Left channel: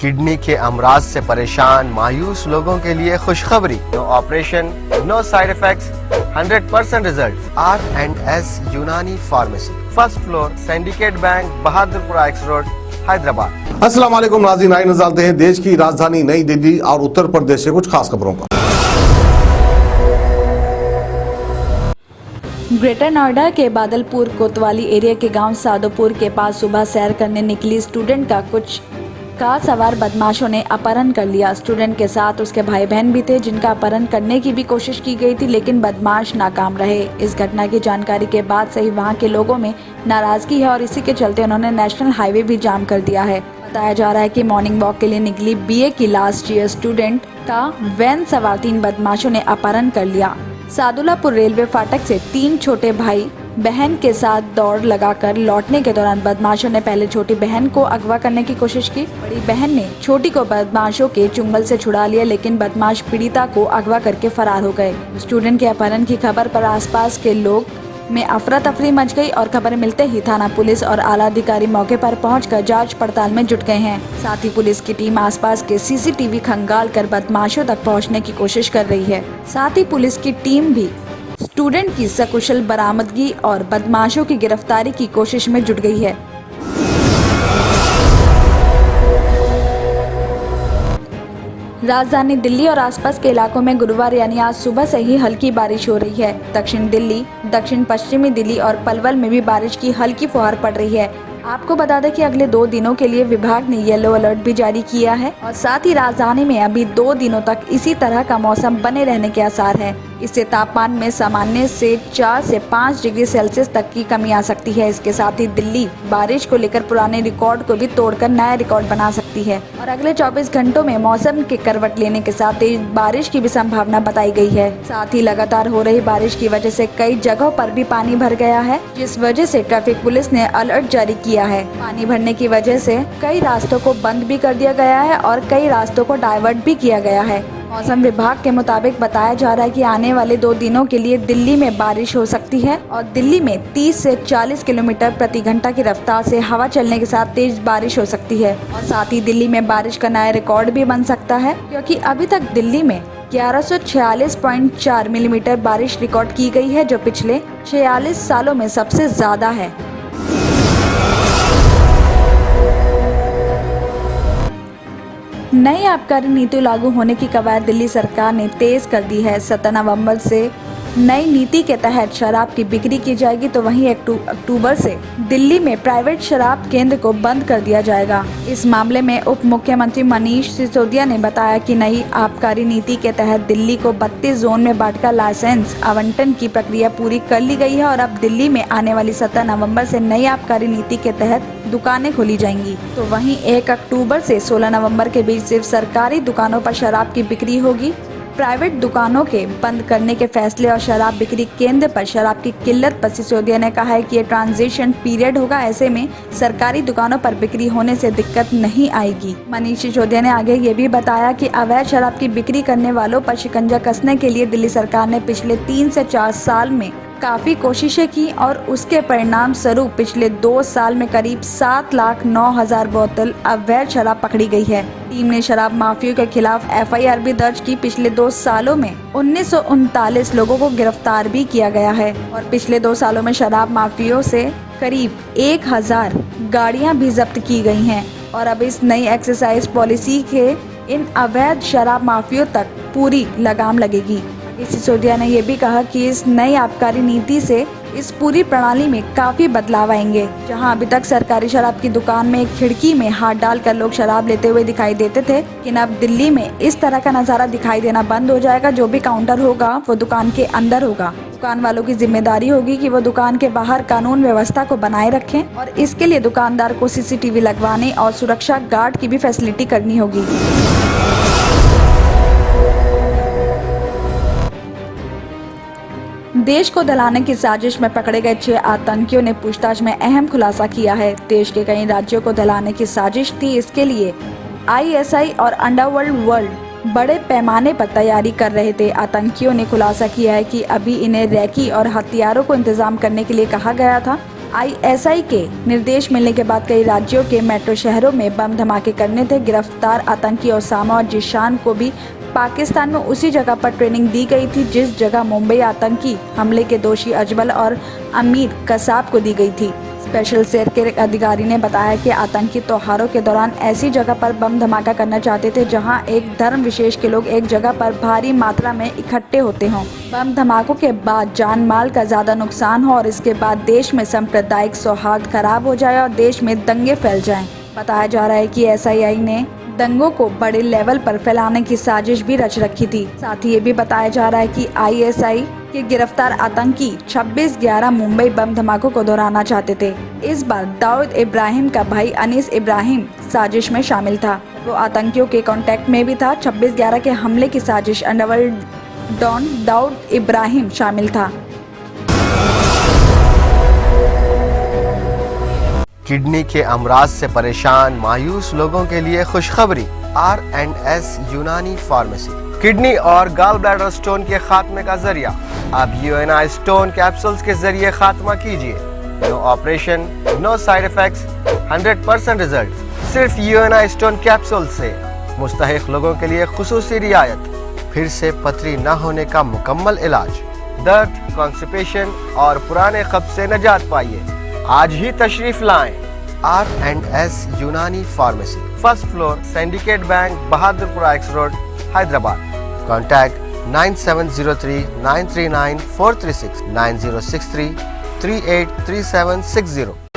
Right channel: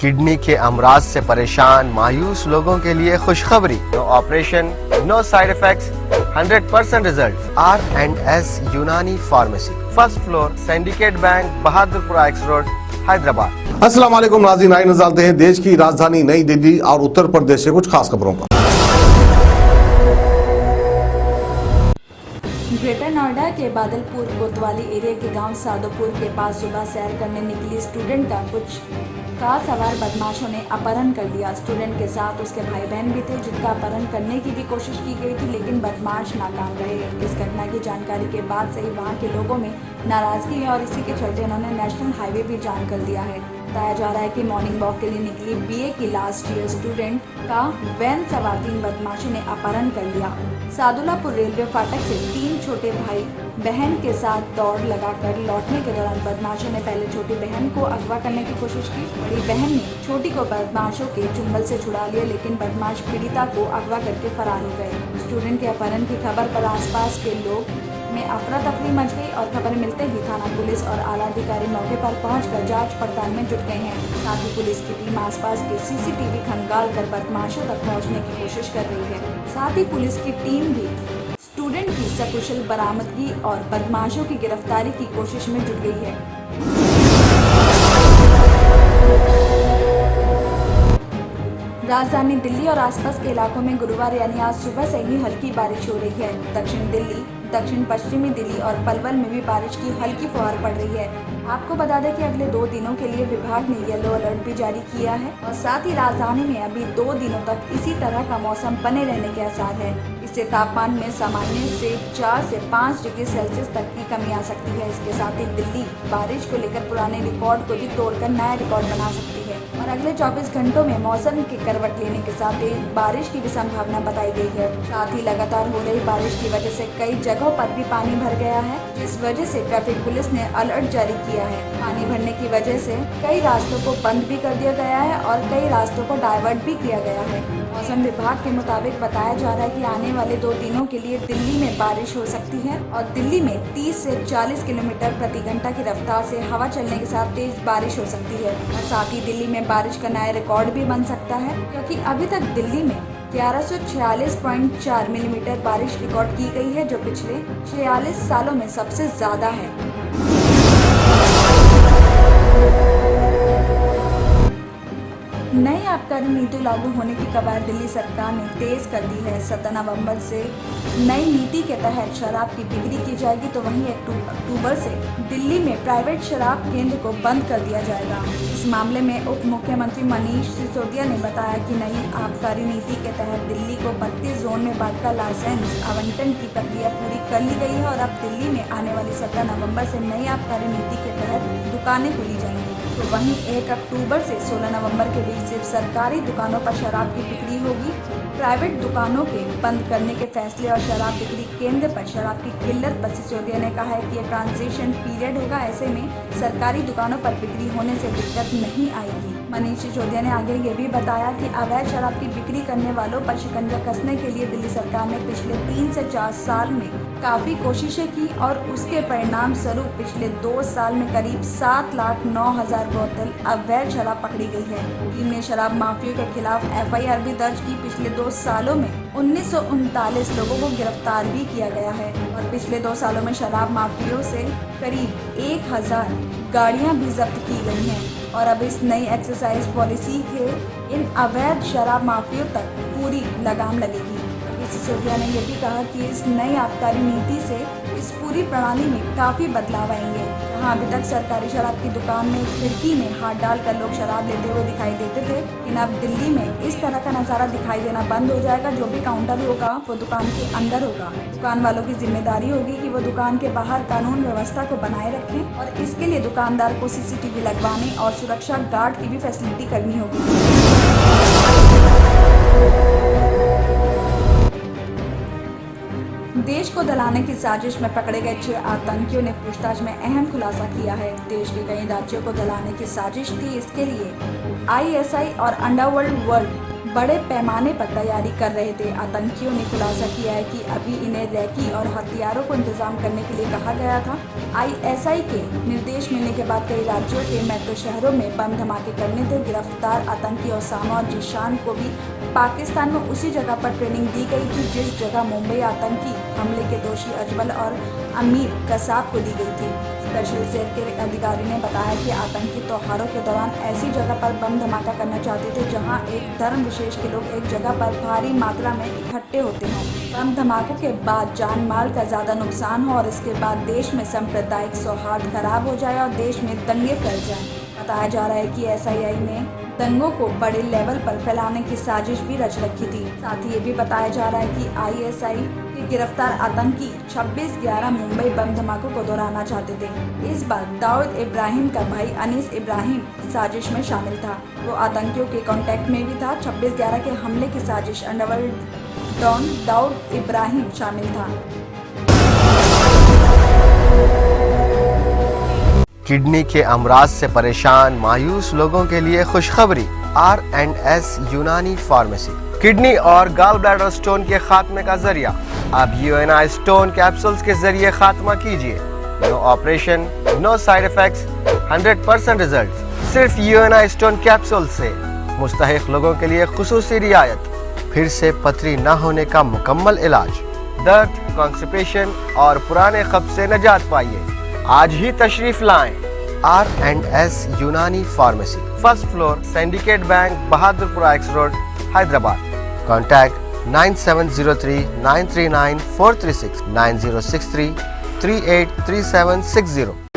Kidney के अमराज से परेशान मायूस लोगों के लिए खुशखबरी। No operation, no side effects, 100% result. R&S Unani pharmacy, first floor, Syndicate Bank, Bahadurpura X road, Hyderabad. अस्सलाम वालेकुम नाज़रीन, आइए नज़र डालते हैं देश की राजधानी नई दिल्ली और उत्तर प्रदेश से कुछ खास खबरों पर। ग्रेटर नोएडा के बादलपुर कोतवाली एरिया के गांव सादोपुर के पास सुबह सैर करने निकली स्टूडेंट का कुछ कार सवार बदमाशों ने अपहरण कर लिया। स्टूडेंट के साथ उसके भाई बहन भी थे जिनका अपहरण करने की भी कोशिश की गई थी, लेकिन बदमाश नाकाम रहे। इस घटना की जानकारी के बाद से ही वहां के लोगों में नाराजगी है और इसी के चलते उन्होंने नेशनल हाईवे भी जाम कर दिया है। बताया जा रहा है कि मॉर्निंग वॉक के लिए निकली BA की लास्ट ईयर स्टूडेंट का वैन सवार 3 बदमाशों ने अपहरण कर लिया। सादुलापुर रेलवे फाटक से 3 छोटे भाई बहन के साथ दौड़ लगाकर लौटने के दौरान बदमाशों ने पहले छोटी बहन को अगवा करने की कोशिश की। बड़ी बहन ने छोटी को बदमाशों के चुंगल से छुड़ा लिया, लेकिन बदमाश पीड़िता को अगवा करके फरार हो गए। स्टूडेंट के अपहरण की खबर पर आसपास के लोग में अफरा तफरी मच गई और खबर मिलते ही थाना पुलिस और आला अधिकारी मौके पर पहुंचकर जांच पड़ताल में जुट गए हैं। साथ ही पुलिस की टीम आसपास के CCTV खंगाल कर बदमाशों तक पहुंचने की कोशिश कर रही है। साथ ही पुलिस की टीम भी स्टूडेंट की सकुशल बरामदगी और बदमाशों की गिरफ्तारी की कोशिश में जुट गई है। राजधानी दिल्ली और आसपास के इलाकों में गुरुवार यानी आज सुबह से ही हल्की बारिश हो रही है। दक्षिण दिल्ली, दक्षिण पश्चिमी दिल्ली और पलवल में भी बारिश की हल्की फुहार पड़ रही है। आपको बता दें कि अगले 2 दिनों के लिए विभाग ने येलो अलर्ट भी जारी किया है और साथ ही राजधानी में अभी 2 दिनों तक इसी तरह का मौसम बने रहने के आसार है। इससे तापमान में सामान्य से 4 से 5 डिग्री सेल्सियस तक की कमी आ सकती है। इसके साथ ही दिल्ली बारिश को लेकर पुराने रिकॉर्ड को भी तोड़कर नया रिकॉर्ड बना सकती है और अगले 24 घंटों में मौसम के करवट लेने के साथ तेज बारिश की भी संभावना बताई गई है। साथ ही लगातार हो रही बारिश की वजह से कई जगहों पर भी पानी भर गया है, जिस वजह से ट्रैफिक पुलिस ने अलर्ट जारी किया है। पानी भरने की वजह से कई रास्तों को बंद भी कर दिया गया है और कई रास्तों को डाइवर्ट भी किया गया है। मौसम विभाग के मुताबिक बताया जा रहा है कि आने वाले 2 दिनों के लिए दिल्ली में बारिश हो सकती है और दिल्ली में 30 से 40 किलोमीटर प्रति घंटा की रफ्तार से हवा चलने के साथ तेज बारिश हो सकती है। और साथ ही दिल्ली में बारिश का नया रिकॉर्ड भी बन सकता है, क्योंकि अभी तक दिल्ली में 1146.4 मिलीमीटर बारिश रिकॉर्ड की गई है, जो पिछले 46 सालों में सबसे ज्यादा है। नई आबकारी नीति लागू होने की कवायद दिल्ली सरकार ने तेज कर दी है। 17 नवंबर से नई नीति के तहत शराब की बिक्री की जाएगी, तो वहीं अक्टूबर से दिल्ली में प्राइवेट शराब केंद्र को बंद कर दिया जाएगा। इस मामले में उप मुख्यमंत्री मनीष सिसोदिया ने बताया कि नई आबकारी नीति के तहत दिल्ली को 32 जोन में बांटकर लाइसेंस आवंटन की प्रक्रिया पूरी कर ली गई है और अब दिल्ली में आने वाली 17 नवंबर से नई आबकारी नीति के तहत दुकानें खोली जाएंगी। तो वहीं 1 अक्टूबर से 16 नवंबर के बीच सिर्फ सरकारी दुकानों पर शराब की बिक्री होगी। प्राइवेट दुकानों के बंद करने के फैसले और शराब बिक्री केंद्र पर शराब की किल्लत पर सिसोदिया ने कहा है कि ये ट्रांजिशन पीरियड होगा, ऐसे में सरकारी दुकानों पर बिक्री होने से दिक्कत नहीं आएगी। मनीष सिसोदिया ने आगे ये भी बताया कि अवैध शराब की बिक्री करने वालों पर शिकंजा कसने के लिए दिल्ली सरकार ने पिछले 3 से 4 साल में काफी कोशिशें की और उसके परिणाम स्वरूप पिछले 2 साल में करीब 7,09,000 बोतल अवैध शराब पकड़ी गई है। टीम ने शराब माफियों के खिलाफ FIR भी दर्ज की। पिछले 2 सालों में 1939 लोगों को गिरफ्तार भी किया गया है और पिछले 2 सालों में शराब माफियों से करीब 1000 गाड़ियां भी जब्त की गई हैं और अब इस नई एक्साइज पॉलिसी के इन अवैध शराब माफियों तक पूरी लगाम लगेगी। सिसोदिया ने यह भी कहा कि इस नई आबकारी नीति से इस पूरी प्रणाली में काफी बदलाव आएंगे। जहां अभी तक सरकारी शराब की दुकान में एक खिड़की में हाथ डालकर लोग शराब लेते हुए दिखाई देते थे, लेकिन अब दिल्ली में इस तरह का नजारा दिखाई देना बंद हो जाएगा। जो भी काउंटर होगा वो दुकान के अंदर होगा। दुकान वालों की जिम्मेदारी होगी कि वो दुकान के बाहर कानून व्यवस्था को बनाए रखें और इसके लिए दुकानदार को CCTV लगवाने और सुरक्षा गार्ड की भी फैसिलिटी करनी होगी। देश को दलाने की साजिश में पकड़े गए 6 आतंकियों ने पूछताछ में अहम खुलासा किया है। देश के कई राज्यों को दलाने की साजिश थी। इसके लिए ISI और अंडरवर्ल्ड बड़े पैमाने पर तैयारी कर रहे थे। आतंकियों ने खुलासा किया है कि अभी इन्हें रैकी और हथियारों को इंतजाम करने के लिए कहा गया था। ISI के निर्देश मिलने के बाद कई राज्यों के मेट्रो शहरों में बम धमाके करने थे। गिरफ्तार आतंकी ओसामा और जिशान को भी पाकिस्तान में उसी जगह पर ट्रेनिंग दी गई थी जिस जगह मुंबई आतंकी हमले के दोषी अजमल और अमीर कसाब को दी गई थी। स्पेशल सेल के अधिकारी ने बताया कि आतंकी त्योहारों के दौरान ऐसी जगह पर बम धमाका करना चाहते थे जहां एक धर्म विशेष के लोग एक जगह पर भारी मात्रा में इकट्ठे होते हों। बम धमाकों के बाद जान माल का ज्यादा नुकसान हो और इसके बाद देश में सांप्रदायिक सौहार्द खराब हो जाए और देश में दंगे फैल जाएं। बताया जा रहा है कि SII ने दंगों को बड़े लेवल पर फैलाने की साजिश भी रच रखी थी। साथ ही ये भी बताया जा रहा है कि ISI के गिरफ्तार आतंकी 26/11 मुंबई बम धमाकों को दोहराना चाहते थे। इस बार दाऊद इब्राहिम का भाई अनीस इब्राहिम साजिश में शामिल था। वो आतंकियों के कांटेक्ट में भी था। 26/11 के हमले की साजिश अंडरवर्ल्ड डॉन दाऊद इब्राहिम शामिल था। किडनी के अमराज से परेशान मायूस लोगों के लिए खुशखबरी। R&S यूनानी फार्मेसी किडनी और गॉल ब्लैडर स्टोन के खात्मे का जरिया। अब UNI स्टोन कैप्सूल्स के जरिए खात्मा कीजिए। No operation, no side effects, 100% result. सिर्फ UNI स्टोन कैप्सूल से मुस्तहिक लोगों के लिए खुसूसी रियायत। फिर से पथरी न होने का मुकम्मल इलाज। दर्द, कॉन्स्टिपेशन और पुराने कब्ज से निजात पाइए। आज ही तशरीफ लाएं। R&S Unani pharmacy, first floor, Syndicate Bank, Bahadurpura X road, Hyderabad. Contact 9703 939 436 9063 383760।